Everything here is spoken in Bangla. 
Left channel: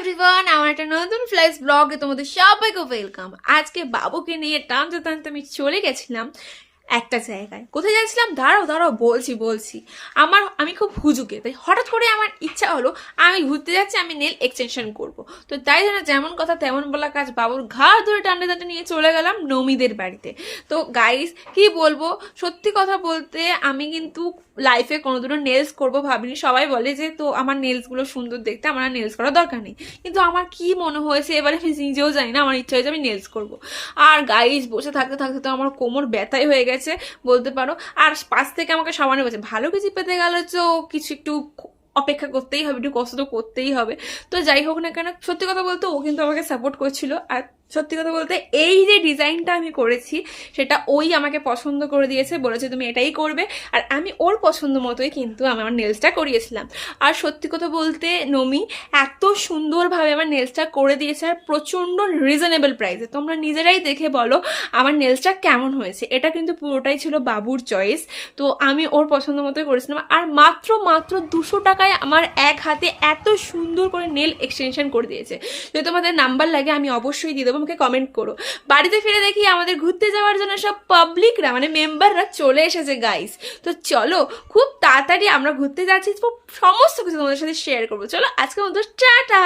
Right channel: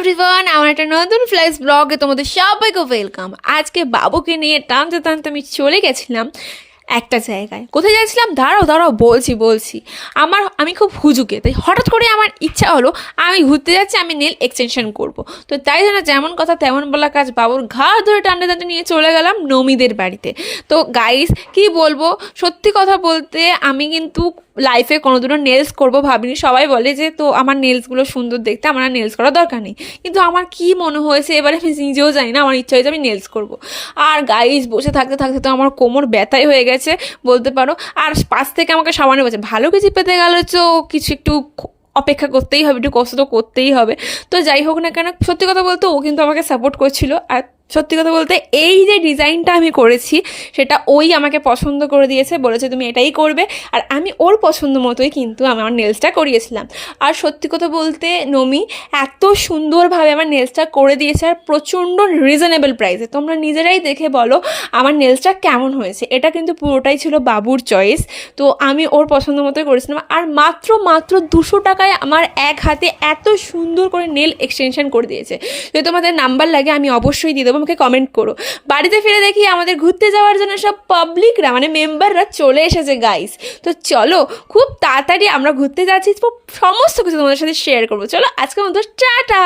এভরিওয়ান, আমার একটা নতুন ফ্ল্যাশ ব্লগে তোমাদের সবাইকে ওয়েলকাম। আজকে বাবুকে নিয়ে টানতে টানতে আমি চলে গেছিলাম একটা জায়গায়। কোথায় যাচ্ছিলাম দাঁড়াও দাঁড়াও বলছি। আমি খুব হুজুকে, তাই হঠাৎ করে আমার ইচ্ছা হলো আমি ঘুরতে যাচ্ছি, আমি নেল এক্সটেনশন করব। তো তাই জন্য যেমন কথা তেমন বলা কাজ, বাবুর ঘাড় ধরে টানতে টানতে নিয়ে চলে গেলাম নমিদের বাড়িতে। তো গাইস কি বলবো, সত্যি কথা বলতে আমি কিন্তু লাইফে কোনোদিনও নেলস করবো ভাবিনি। সবাই বলে যে তো আমার নেলসগুলো সুন্দর দেখতে, আমার আর নেলস করার দরকার নেই। কিন্তু আমার কি মনে হয়েছে এবারে আমি নিজেও জানি না, আমার ইচ্ছা হয়েছে আমি নেলস করবো। আর গাইস বসে থাকতে থাকতে তো আমার কোমর ব্যথাই হয়ে গেছে বলতে পারো। আর পাশ থেকে আমাকে সামান্য বলছে ভালো কিছু পেতে গেলে তো কিছু একটু অপেক্ষা করতেই হবে, একটু কষ্ট তো করতেই হবে। তো যাই হোক না কেন, সত্যি কথা বলতে ও কিন্তু আমাকে সাপোর্ট করছিল। আর সত্যি কথা বলতে এই যে ডিজাইনটা আমি করেছি সেটা ওই আমাকে পছন্দ করে দিয়েছে, বলেছে তুমি এটাই করবে। আর আমি ওর পছন্দ মতোই কিন্তু আমার নেলসটা করিয়েছিলাম। আর সত্যি কথা বলতে নমি এত সুন্দরভাবে আমার নেলসটা করে দিয়েছে, আর প্রচণ্ড রিজনেবল প্রাইসে। তোমরা নিজেরাই দেখে বলো আমার নেলসটা কেমন হয়েছে। এটা কিন্তু পুরোটাই ছিল বাবুর চয়েস, তো আমি ওর পছন্দ মতোই করেছিলাম। আর মাত্র মাত্র 200 টাকায় আমার এক হাতে এত সুন্দর করে নেল এক্সটেনশন করে দিয়েছে। যদি তোমাদের নাম্বার লাগে আমি অবশ্যই দিয়ে দেবো, আমাকে কমেন্ট করো। বাড়িতে ফিরে দেখি আমাদের ঘুরতে যাওয়ার জন্য সব পাবলিকরা মানে মেম্বাররা চলে এসেছে গাইস। তো চলো খুব তাড়াতাড়ি আমরা ঘুরতে যাচ্ছি, তো সমস্ত কিছু তোমাদের সাথে শেয়ার করবো। চলো আজকের মতো টাটা।